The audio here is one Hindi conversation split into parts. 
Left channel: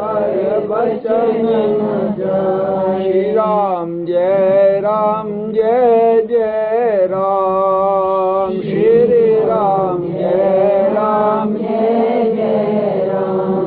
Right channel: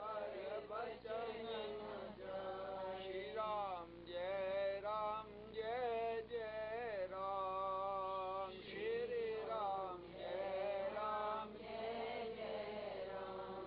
बचन न जाए। श्री राम जय जय राम। श्री राम जय जय राम।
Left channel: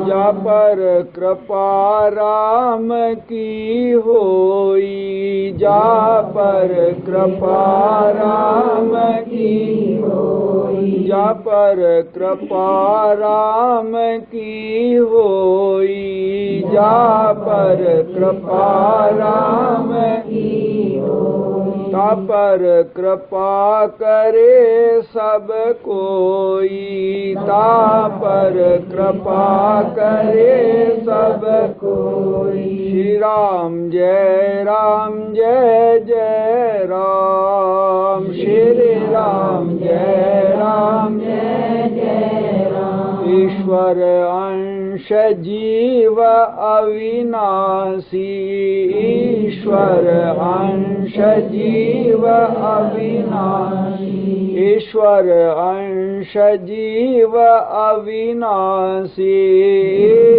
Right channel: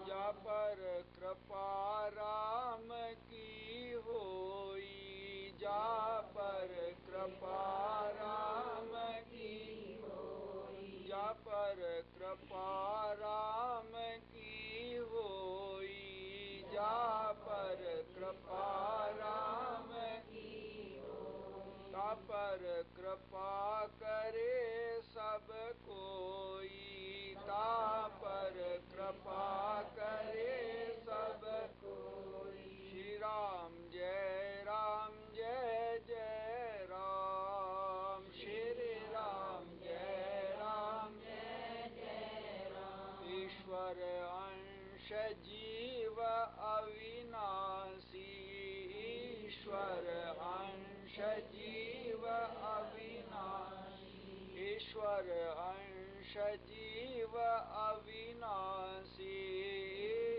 जा पर कृपा राम की होई, जा पर कृपा राम की होई, जा पर कृपा राम की होई, जा पर कृपा राम की होई। ता पर कृपा करे सब कोई, ता पर कृपा करे सब कोई। श्री राम जय जय राम। श्री राम जय जय राम। ईश्वर अंश जीव अविनाशी, ईश्वर अंश जीव अविनाशी, ईश्वर अंश जीव अविनाशी,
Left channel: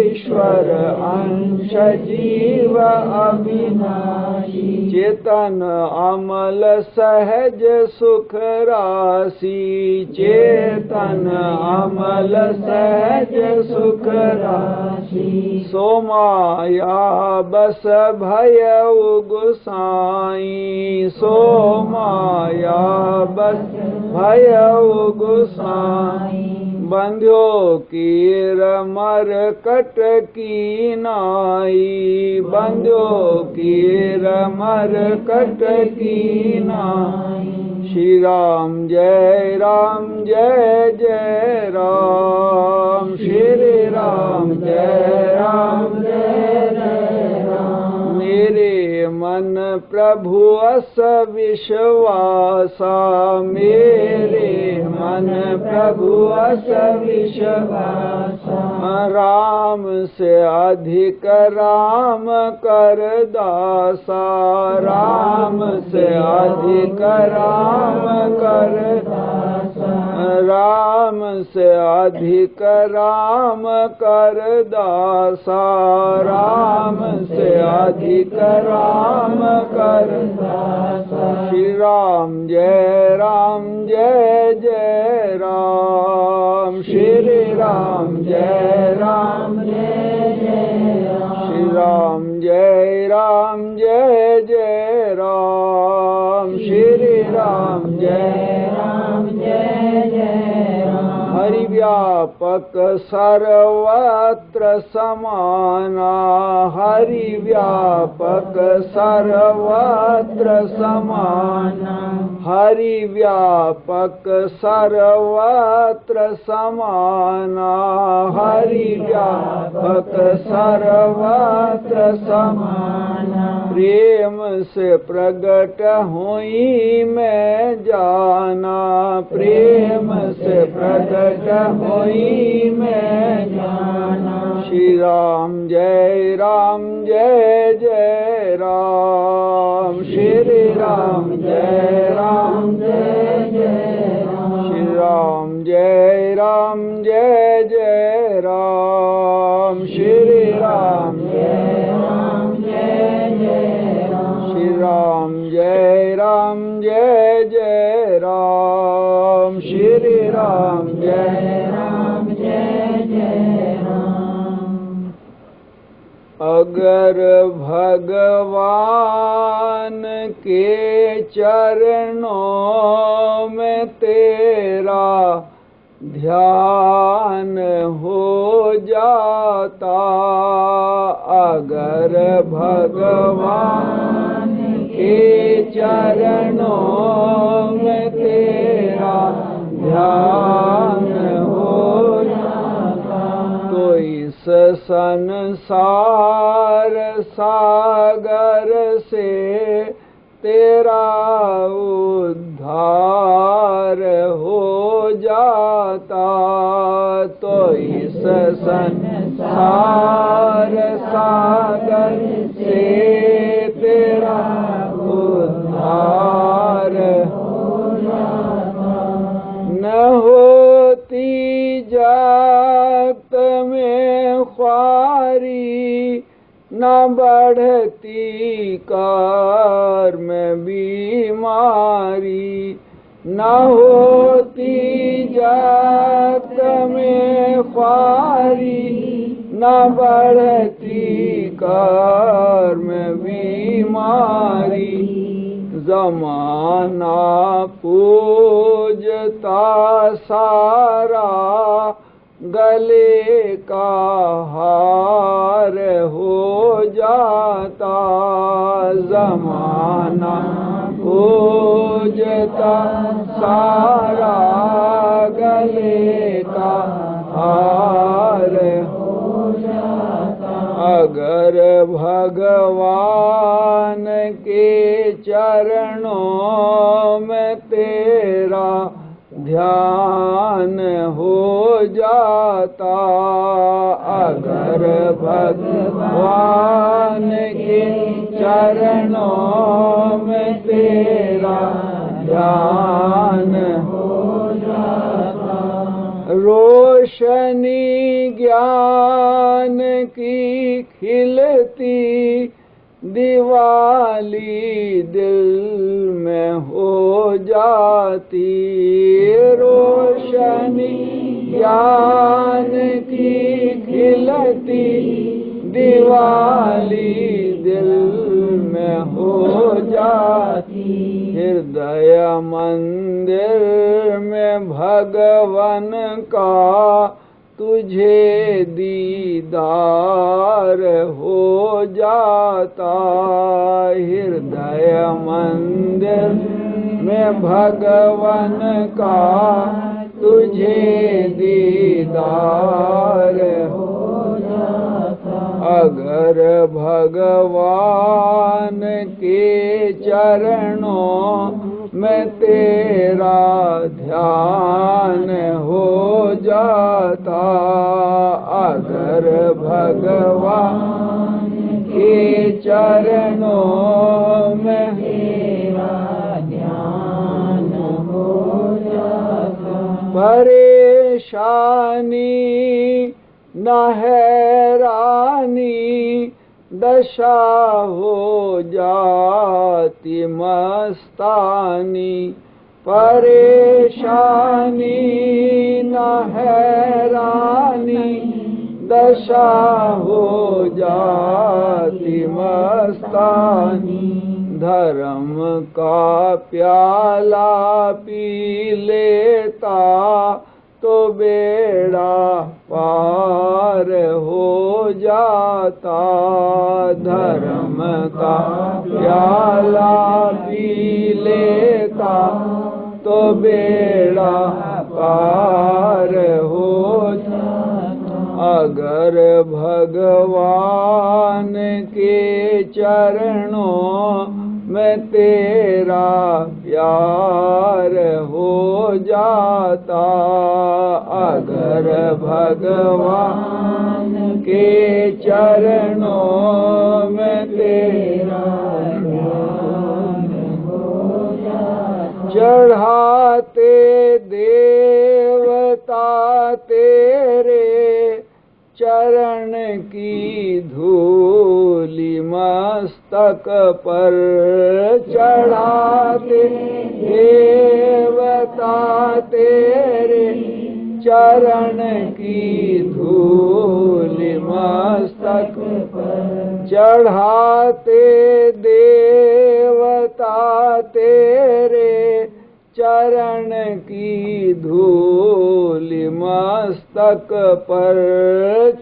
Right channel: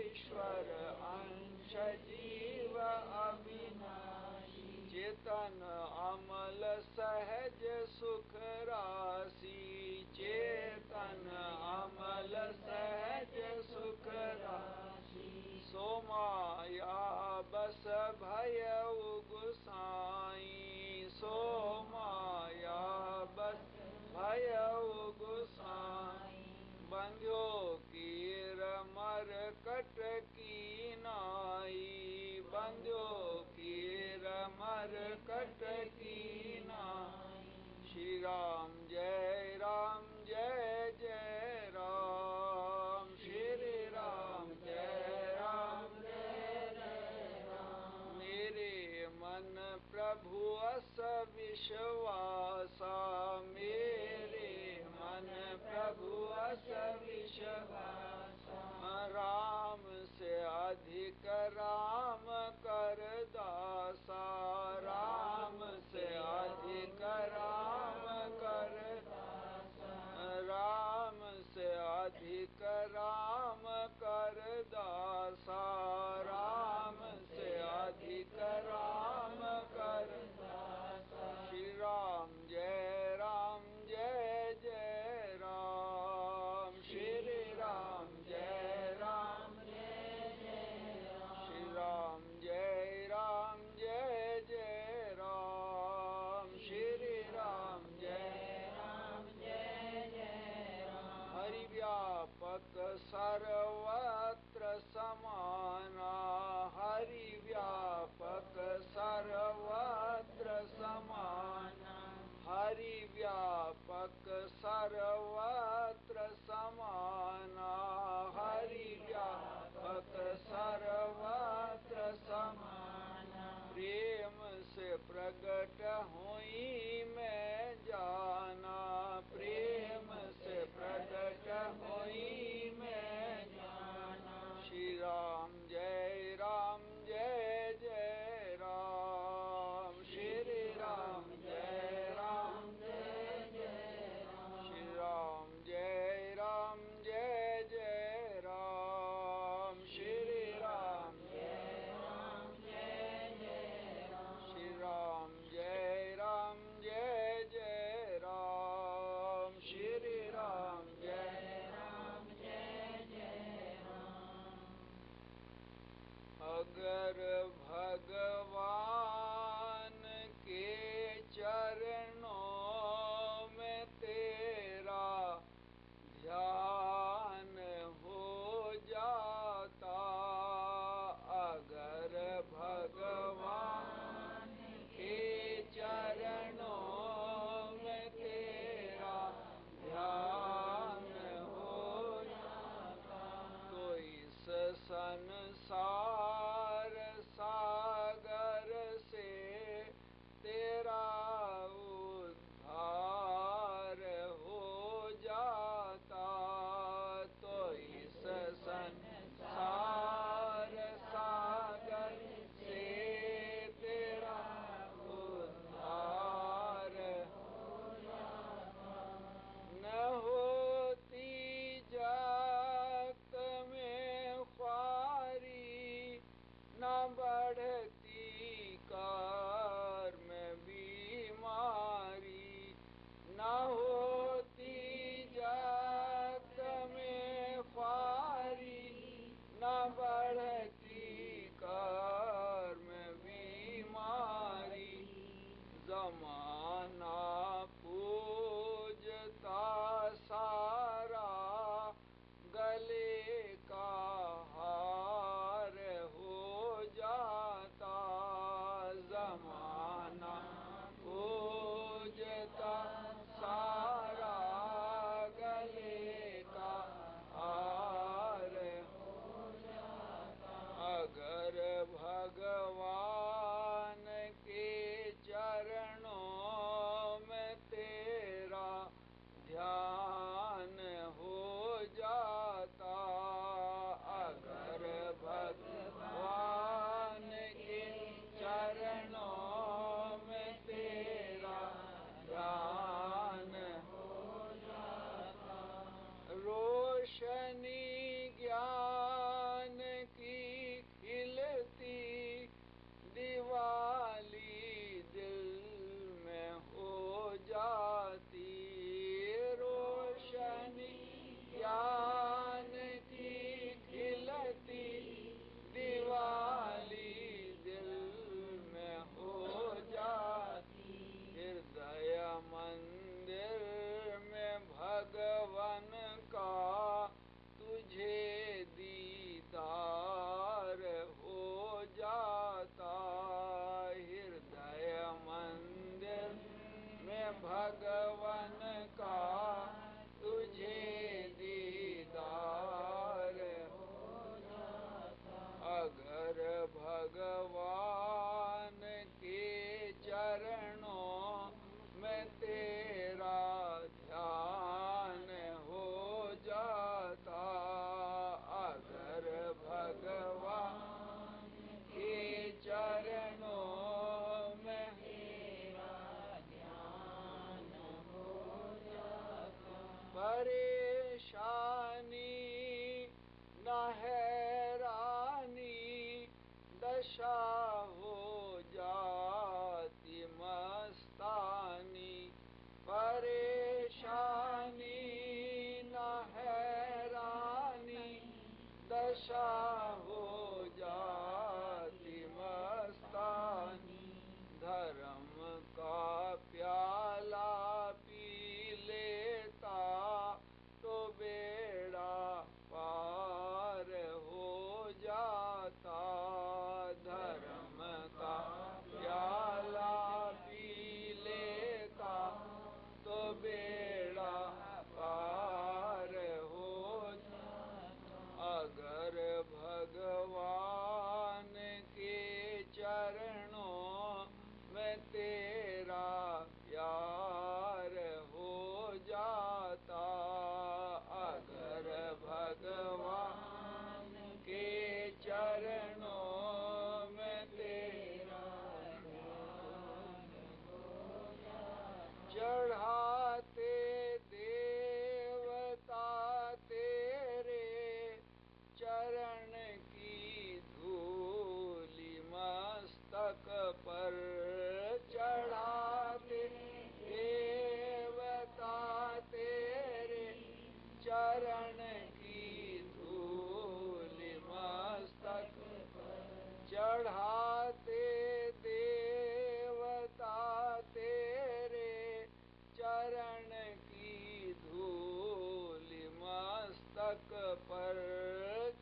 ईश्वर अंश जीव अविनाशी। चेतन अमल सहज सुख राशि, चेतन अमल सहज सुख राशि। सो माया बस भयउ गुसाई, सो माया बस भयउ गुसाई। बंध्यो कीर मर कट की नाई, बंध्यो कीर मर कट की नाई। श्री राम जय जय राम। श्री राम जय जय राम। मेरे मन प्रभु अस विश्वासा, मेरे मन प्रभु अस विश्वासा। राम से अधिक राम कर दासा, राम से अधिक राम कर दासा। राम से अधिक राम कर दासा, राम से अधिक राम कर दासा। श्री राम जय जय राम। श्री राम जय जय राम। श्री राम जय जय राम। श्री राम जय जय राम। हरि व्यापक सर्वत्र समाना, हरि व्यापक सर्वत्र समाना, हरि व्यापक सर्वत्र समाना, हरि व्यापक सर्वत्र समाना। प्रेम से प्रगट हुई मैं जाना, प्रेम से प्रगट हुई मैं जाना। श्री राम जय जय राम। श्री राम जय जय राम। श्री राम जय जय राम। श्री राम जय जय राम। श्री राम जय जय राम। श्री राम जय जय राम। अगर भगवान के चरणों में तेरा ध्यान हो जाता, अगर भगवान के चरणों में तेरा ध्यान हो जाता, तो इस संसार सागर से तेरा उद्धार हो जाता, तो इस संसार सागर से तेरा उद्धार हो जाता। न होती जात में ख्वारी न बढ़ती कार में बीमारी, न होती जात में ख्वारी, न बढ़ती कार में बीमारी। ज़माना पूजता सारा, गले का हार हो जाता। ज़माना पूजता सारा, गले का हार हो जाता। अगर भगवान के चरणों में तेरा ध्यान हो जाता, अगर भगवान के चरणों में तेरा ध्यान हो जाता। रोशनी ज्ञान की खिलती दिवाली दिल में हो जाती। रोशनी ज्ञान की खिलती दिवाली दिल में हो जाती। हृदय मंदिर में भगवन का तुझे दीदार हो जाता। हृदय मंदिर में भगवन का तुझे दीदार हो जाता। अगर भगवान के चरणों में तेरा ध्यान हो जाता, अगर भगवान के चरणों में तेरा ध्यान हो जाता। परेशानी न हैरानी दशा हो जाती मस्तानी। परेशानी न हैरानी दशा हो जाती मस्तानी। धर्म का प्याला पी लेता तो बेड़ा पार हो जाता। धर्म का प्याला पी लेता तो बेड़ा पार हो जाता। अगर भगवान के चरणों में तेरा प्यार हो जाता, अगर भगवान के चरणों में तेरा प्यार हो जाता। चढ़ाते देवता तेरे चरण की धूलि मस्तक पर, चढ़ाते देवता तेरे चरण की धूलि मस्तक पर। चढ़ाते देवता तेरे चरण की धूलि मस्तक पर।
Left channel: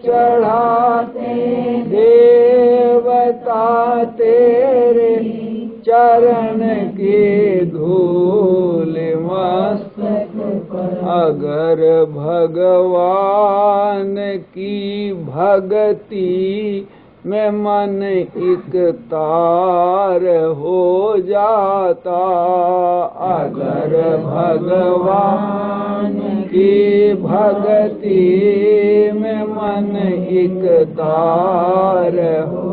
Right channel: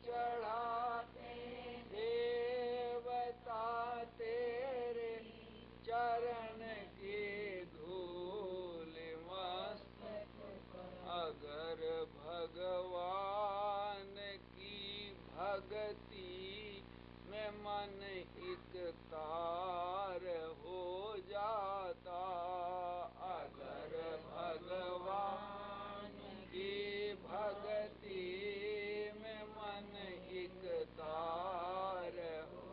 चढ़ाते देवता तेरे चरण की धूलि मस्तक पर। अगर भगवान की भक्ति में मन एक तार हो जाता, अगर भगवान की भक्ति में मन एक तार हो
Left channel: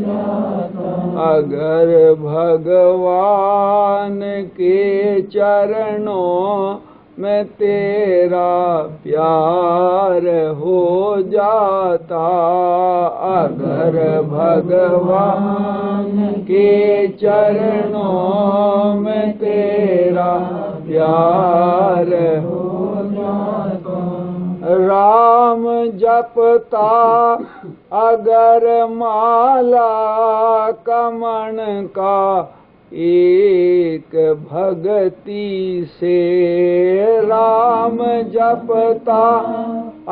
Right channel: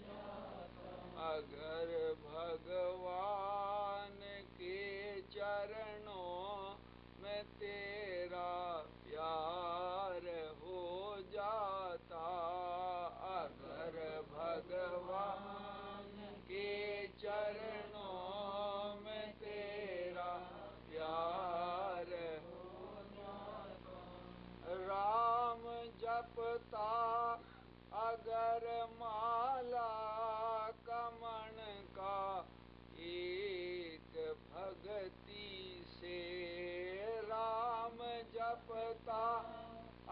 जाता। अगर भगवान के चरणों में तेरा प्यार हो जाता, अगर भगवान के चरणों में तेरा प्यार हो जाता। राम जपता अगर माला कमण का एक भगति से, राम जपता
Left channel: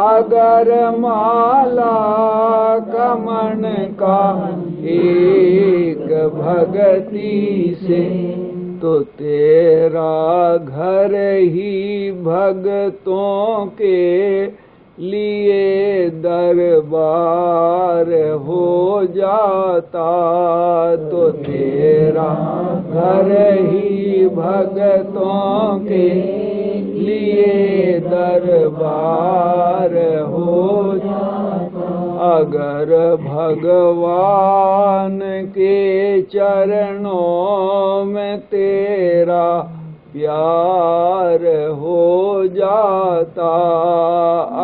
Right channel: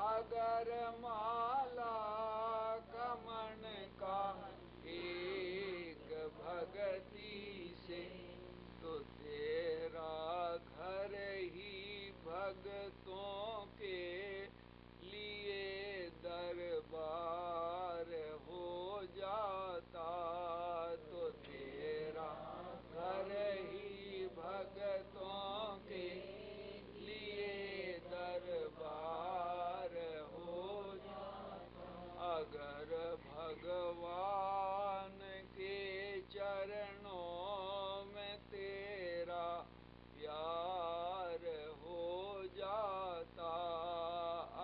अगर माला कमण का एक भगति से, तो तेरा घर ही भगतों के लिए दरबार हो जाता। तो तेरा घर ही भगतों के लिए दरबार हो जाता। अगर भगवान के चरणों में तेरा प्यार हो जाता।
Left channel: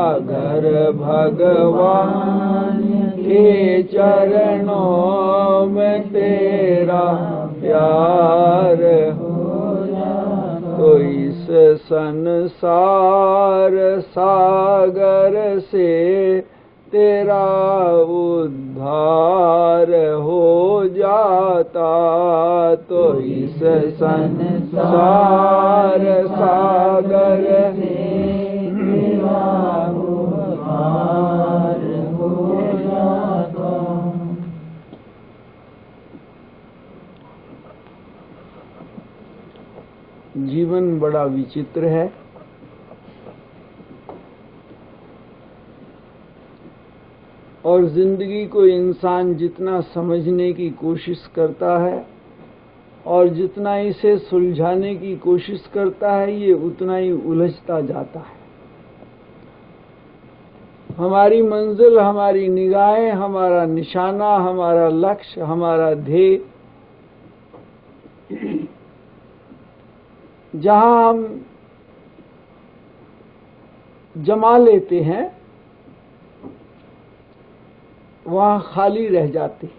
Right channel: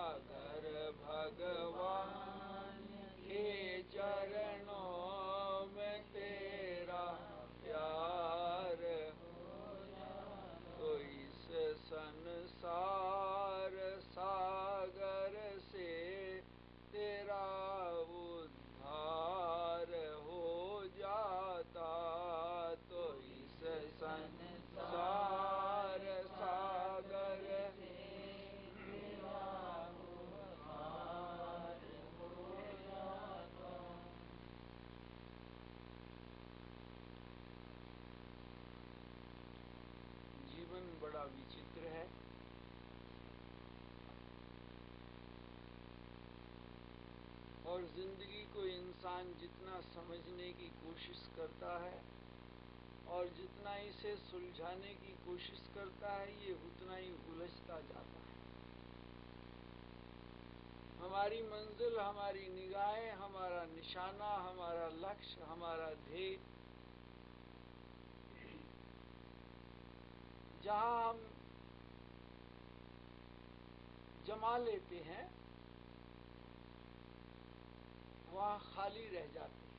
अगर भगवान के चरणों में तेरा प्यार हो जाता, तो इस संसार सागर से तेरा उद्धार हो जाता। तो इस संसार सागर से तेरा उद्धार हो जाता। जीवन बड़ा विचित्र है। और जिंदगी को इंसान जितना समझने की कोशिश करता है और जितना इसे सुलझाने की कोशिश करता है, ये उतना ही उलझता जाता है। हमारी मंजिल, हमारी निगाहें, हमारा निशाना, हमारा लक्ष्य, हमारा ध्येय, जहां हम जमा लेते हैं वहां खाली रह जाती है।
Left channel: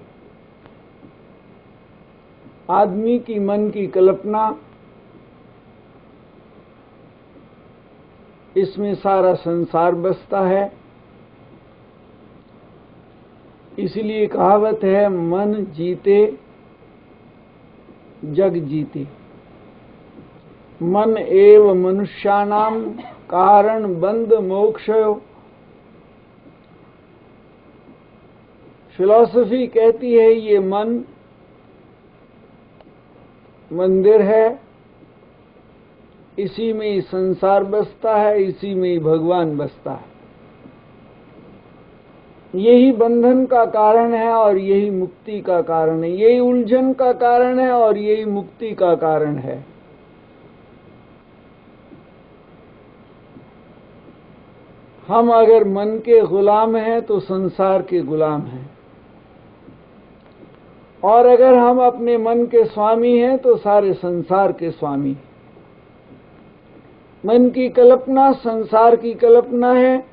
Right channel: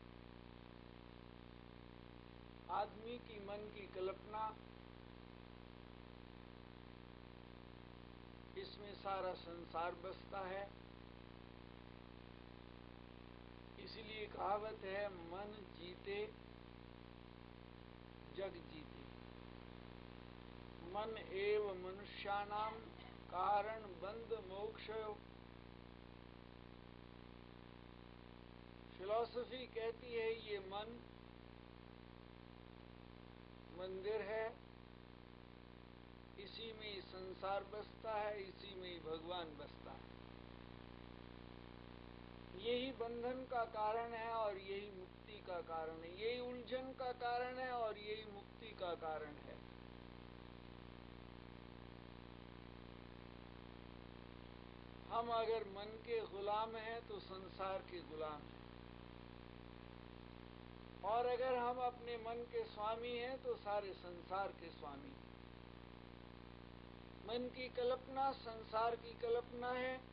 आदमी की मन की कल्पना, इसमें सारा संसार बसता है। इसलिए कहावत है, मन जीते जग जीते। मन एव मनुष्याणाम कारण बंध मोक्षयो। फिलॉसफी कहती है ये मन मंदिर है, इसी में ही संसार बसता है, इसी में ही भगवान बसता है। यही बंधन का कारण है और यही मुक्ति का कारण है। यही उलझन का कारण है और यही मुक्ति का कारण है। हम अगर मन के गुलाम हैं तो संसार के गुलाम हैं, और अगर हम अपने मन के स्वामी हैं तो सारे संसार के स्वामी। मन की कल्पना संसार की कल्पना है,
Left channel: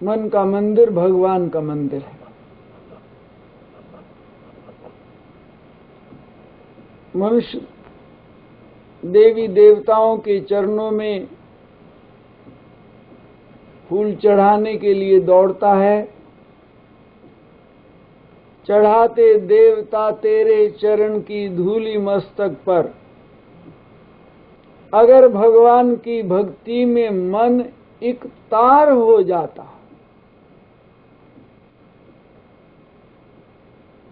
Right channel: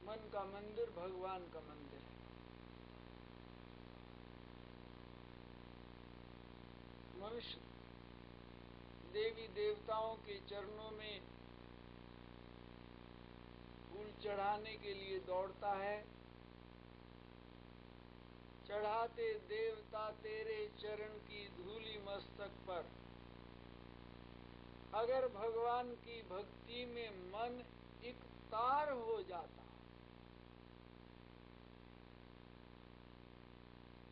मन का मंदिर भगवान का मंदिर है। मनुष्य देवी देवताओं के चरणों में फूल चढ़ाने के लिए दौड़ता है। चढ़ाते देवता तेरे चरण की धूली मस्तक पर। अगर भगवान की भक्ति में मन एक तार हो जाता,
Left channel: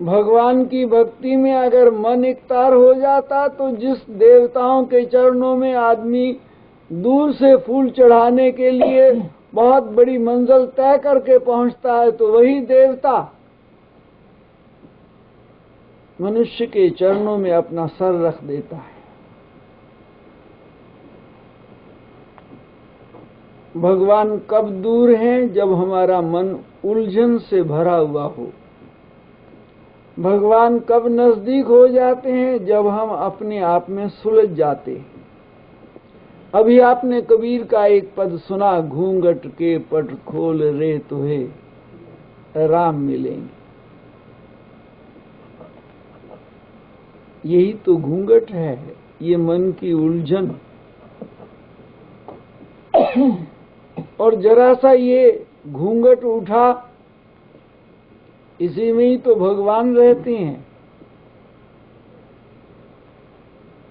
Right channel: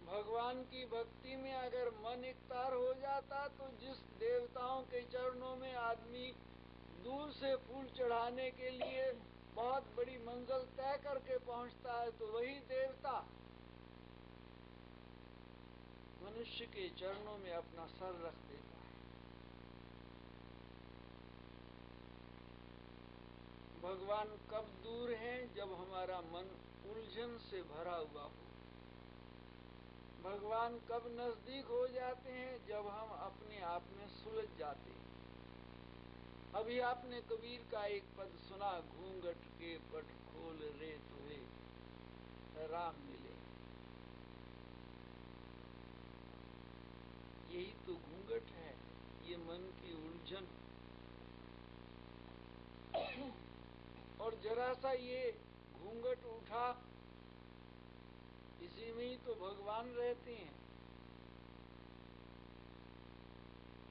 भगवान की भक्ति में अगर मन एक तार हो जाता, तो जिस देवताओं के चरणों में आदमी दूर से फूल चढ़ाने के लिए बहुत बड़ी मंजिल तय करके पहुंचता है, तो वही देवता मनुष्य के चरणों में अपना सर रख देता है। भगवान कब दूर हैं? जब हमारा मन उलझन से भरा हुआ हो। भगवान कब नजदीक हो जाते हैं? जब हम अपने आप में सुलझ जाते हैं। अभी आपने कबीर का एक पद सुना, घूंघट के पट खोल रे तुहे, राम मिलेंगे। यही तो घूंघट है, ये मन की उलझन। और जरा सा ये घूंघट उठा, इसी में ही तो भगवान रहते हैं।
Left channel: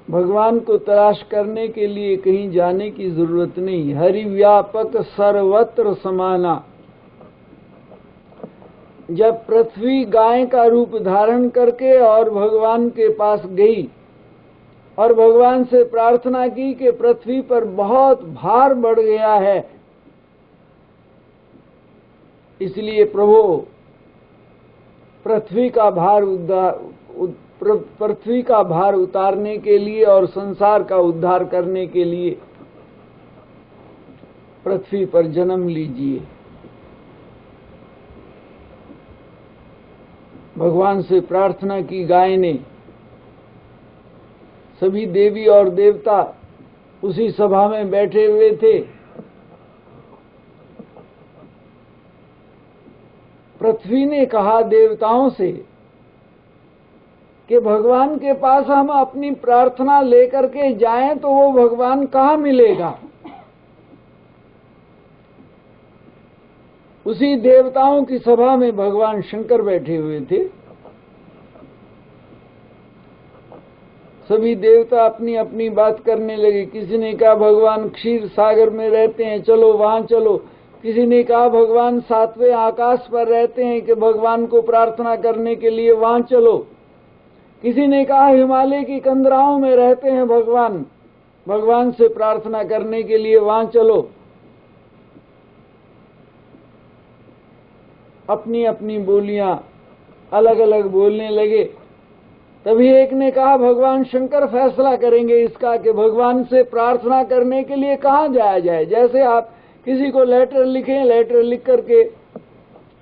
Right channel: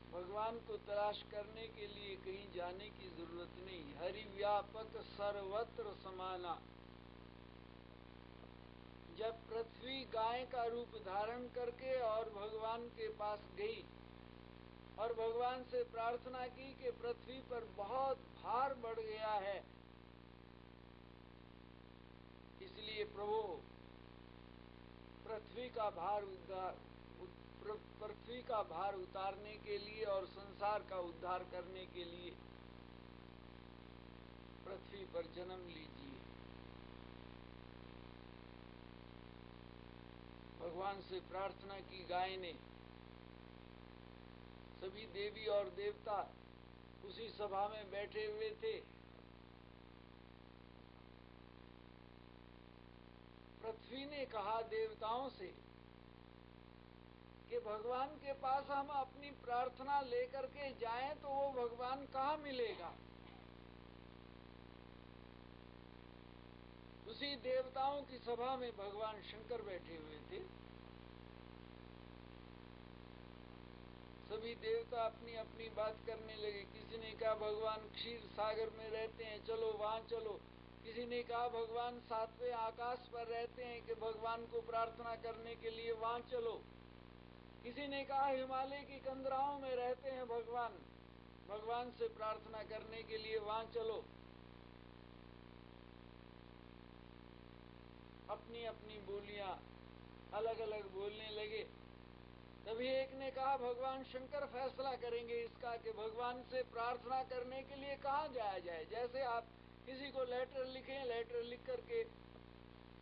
भगवान को तलाश करने के लिए कहीं जाने की जरूरत नहीं। हरि व्यापक सर्वत्र समाना। जब पृथ्वी गाय का रूप धारण करके और भगवान के पास गई और भगवान से प्रार्थना की कि पृथ्वी पर बहुत भार बढ़ गया है, इसलिए प्रभु पृथ्वी का भार उतारने के लिए और संसार का उद्धार करने के लिए पृथ्वी पर जन्म लीजिए। भगवान से प्रार्थना की गाय ने। सभी देवी और देवता उसी सभा में बैठे हुए थे। पृथ्वी ने कहा देवताओं से कि भगवान के पास हम अपनी प्रार्थना लेकर के जाएं तो वो भगवान कहाँ मिलेगा। उसी देवताओं की सभा में भगवान शंकर बैठे हुए थे। सभी देवता अपनी अपनी बात करने लगे। किसी ने कहा भगवान क्षीर सागर में रहते हैं, चलो वहां चलो। किसी ने कहा भगवान 7वें आकाश पर रहते हैं कि भगवान को प्रार्थना करने के लिए वहां चलो। किसी ने कहा हिमालय की कंदराओं में रहते हैं भगवान, भगवान से प्रार्थना करने के लिए वहां चलो। अपनी अपनी बोलियां अलग अलग बोलने लगे। तभी एक ने कहा भगवान शंकर फैसला करेंगे इसका कि भगवान से प्रार्थना करने के लिए कहाँ जाया जाए। जैसे आप किसी को लेटर लिखें, लेटर लिख करके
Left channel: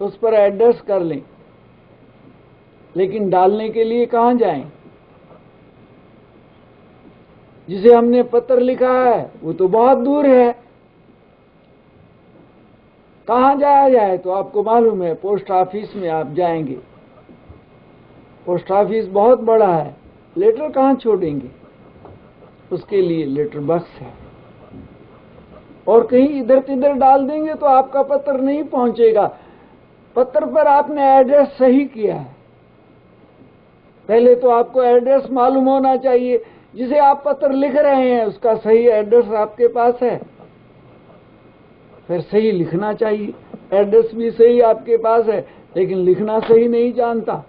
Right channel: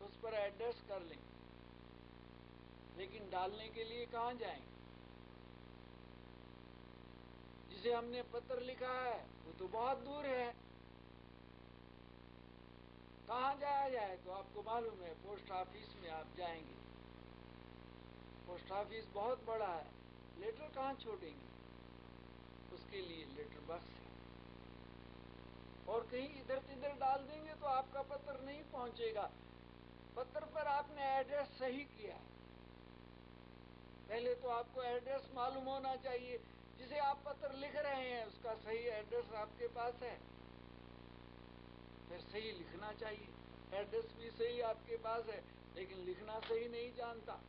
उस पर एड्रेस कर लें, लेकिन डालने के लिए कहाँ जाएं। जिसे हमने पत्र लिखा है वो तो बहुत दूर है, कहाँ जाया जाए। तो आपको मालूम है पोस्ट ऑफिस में आप जाएंगे, पोस्ट ऑफिस बहुत बड़ा है, लेटर कहाँ छोड़ेंगे। उसके लिए लेटर बॉक्स है। और कहीं इधर तिधर डाल देंगे तो आपका पत्र नहीं पहुंचेगा। पत्र पर आपने एड्रेस सही किया है। पहले तो आपको एड्रेस मालूम होना चाहिए। जिसे आप पत्र लिख रहे हैं उसका सही एड्रेस आपके पास है, फिर सही लिखना चाहिए। एड्रेस भी सही आपके पास है, लेकिन लिखना सही नहीं जानता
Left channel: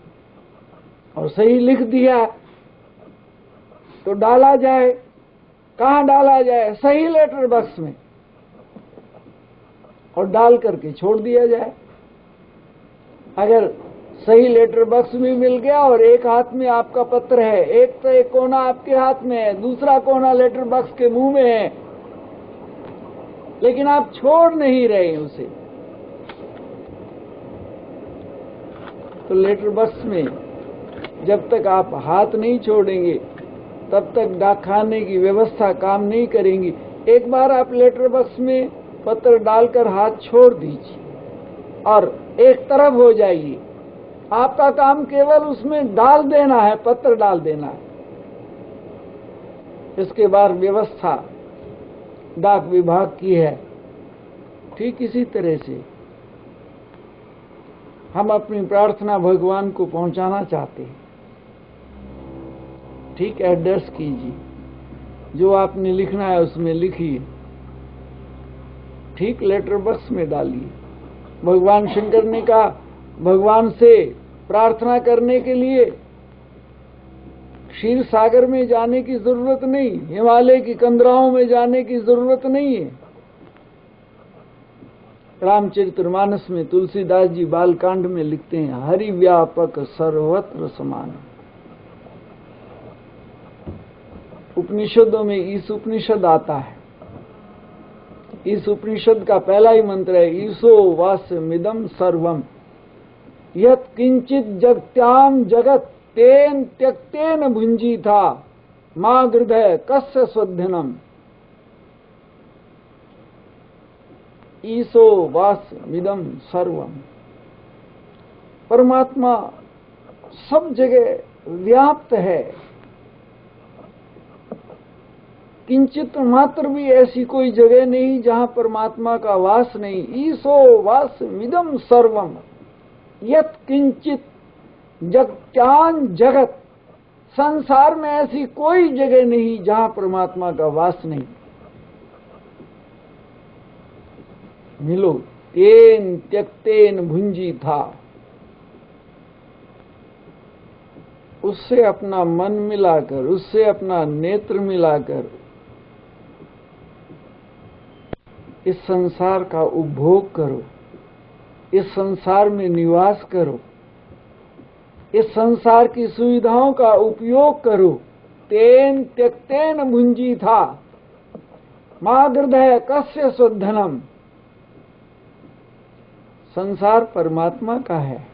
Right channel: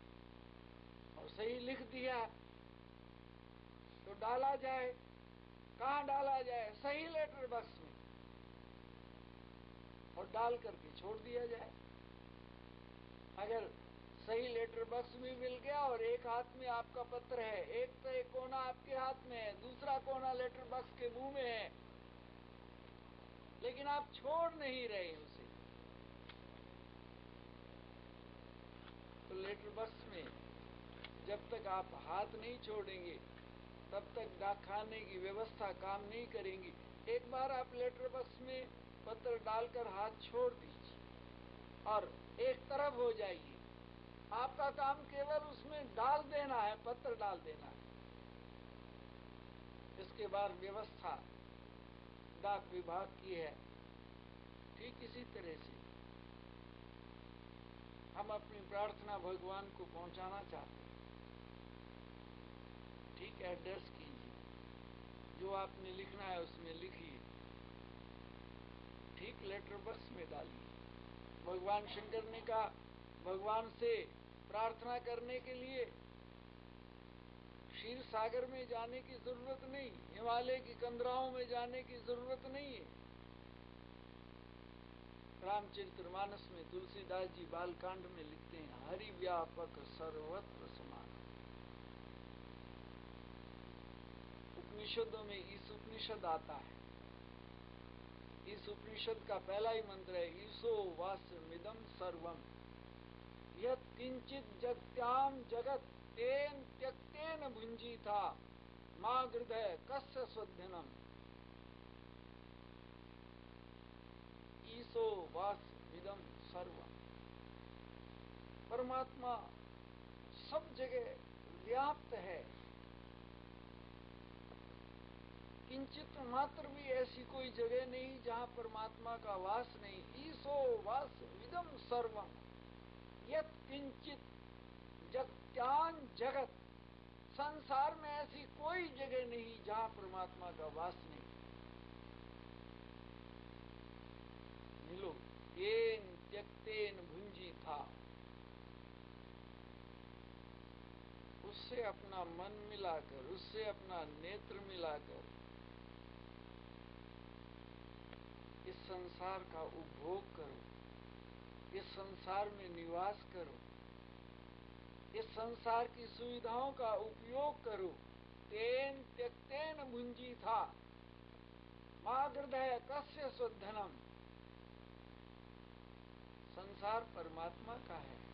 और सही लिख दिया तो डाला जाए। कहाँ डाला जाए? सही लेटर बॉक्स में, और डाल करके छोड़ दिया जाए। अगर सही लेटर बॉक्स भी मिल गया और एक हाथ में आपका पत्र है, एक तो एक कोना आपके हाथ में है, दूसरा कोना लेटर बॉक्स के मुंह में है, लेकिन आप छोड़ नहीं रहे उसे, तो लेटर बॉक्स में जब तक आप हाथ नहीं छोड़ेंगे तब तक डाकखाने की व्यवस्था काम नहीं करेंगी। एक बार आप लेटर बॉक्स में पत्र डालकर हाथ छोड़ दीजिए और एक तरफ हो जाइए। आपका काम केवल उसमें डाल देना है, पत्र डाल देना है। इसके बाद व्यवस्था डाक विभाग की है। ठीक इसी तरह से हम अपनी प्रार्थना भगवान को पहुंचाना चाहते हैं। ठीक एड्रेस कीजिए, जो आपने लिखना है उसमें लिखिए, ठीक लेटर बॉक्स में डालिए। भगवान शंकर ने कहा भगवान से प्रार्थना करने के लिए क्षीर सागर में जाने की जरूरत नहीं, हिमालय की कंदराओं में जाने की जरूरत नहीं है। रामचरितमानस में तुलसीदास जी बालकांड में लिखते हैं हरि व्यापक सर्वत्र समान। उपनिषदों में इस उपनिषद आता है। इस उपनिषद का पहला ही मंत्र है ईशो वास्यमिदं सर्वम यत् किंचित जगत्याम जगत तेन त्यक्तेन भुंजी था मां हृदय कस्य स्वधनम। ईशो वास्यमिदं सर्वम। परमात्मा सब जगह व्याप्त है। किंचित मात्र भी ऐसी कोई जगह नहीं जहां परमात्मा का वास नहीं। ईसो वासमिदं सर्वम यत् किंचित जगत्यान जगत। संसार में ऐसी कोई जगह नहीं जहां परमात्मा का वास नहीं। मिलो तेन त्यक्तेन भुंजी था, उससे अपना मन मिलाकर, उससे अपना नेत्र मिलाकर इस संसार का उपभोग करो, इस संसार में निवास करो, इस संसार की सुविधाओं का उपयोग करो। तेन त्यक्तेन भुंजी था मागृधय कस्य स्वधनम। संसार परमात्मा का है,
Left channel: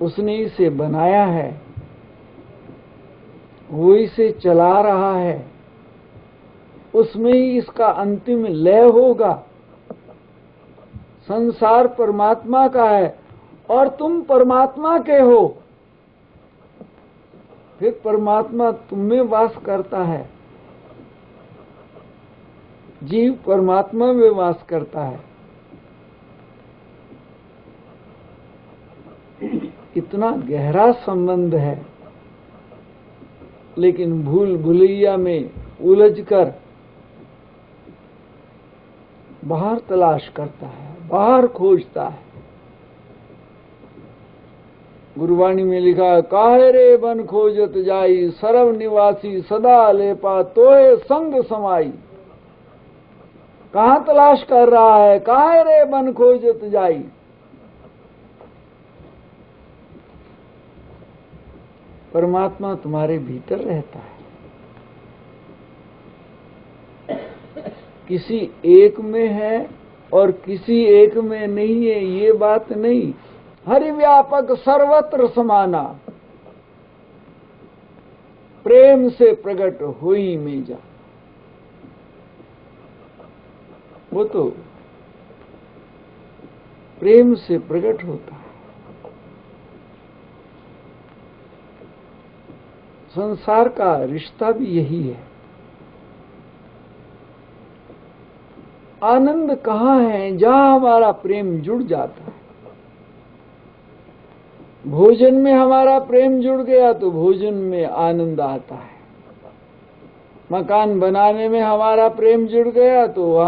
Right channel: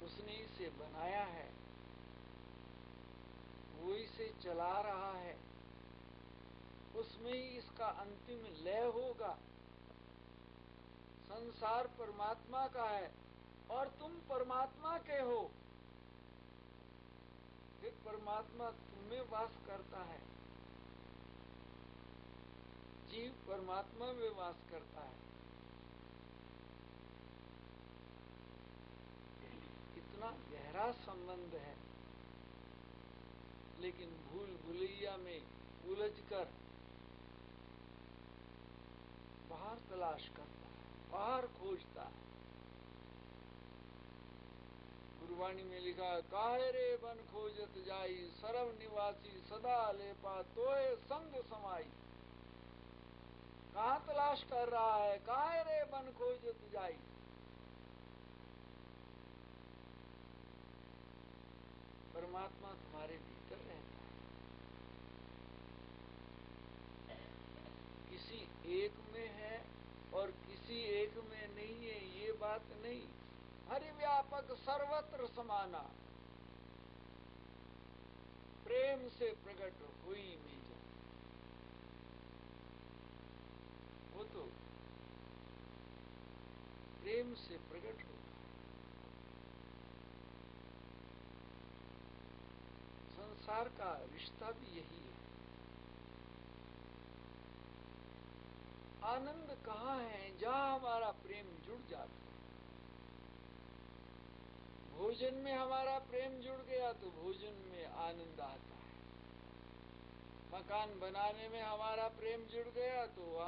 उसने इसे बनाया है, वो इसे चला रहा है, उसमें ही इसका अंतिम लय होगा। संसार परमात्मा का है और तुम परमात्मा के हो। फिर परमात्मा तुम में वास करता है, जीव परमात्मा में वास करता है। इतना गहरा संबंध है, लेकिन भूल भुलैया में उलझकर बाहर तलाश करता है, बाहर खोजता है। गुरुवाणी में लिखा है, काहे रे बन खोजत जाई, सर्व निवासी सदा लेपा तोए संग समाई। कहां तलाश कर रहा है? काहे रे बन खोजत जाई। परमात्मा तुम्हारे भीतर रहता है। किसी एक में है और किसी एक में नहीं है, ये बात नहीं। हरि व्यापक सर्वत्र समाना, प्रेम से प्रकट हुई में जा। वो तो प्रेम से प्रकट होता है। संसार का रिश्ता भी यही है। आनंद कहाँ है? जहां हमारा प्रेम जुड़ जाता है। भोजन में हमारा प्रेम जुड़ गया तो भोजन में आनंद आता है। मकान बनाने में हमारा प्रेम जुड़ गया तो वहां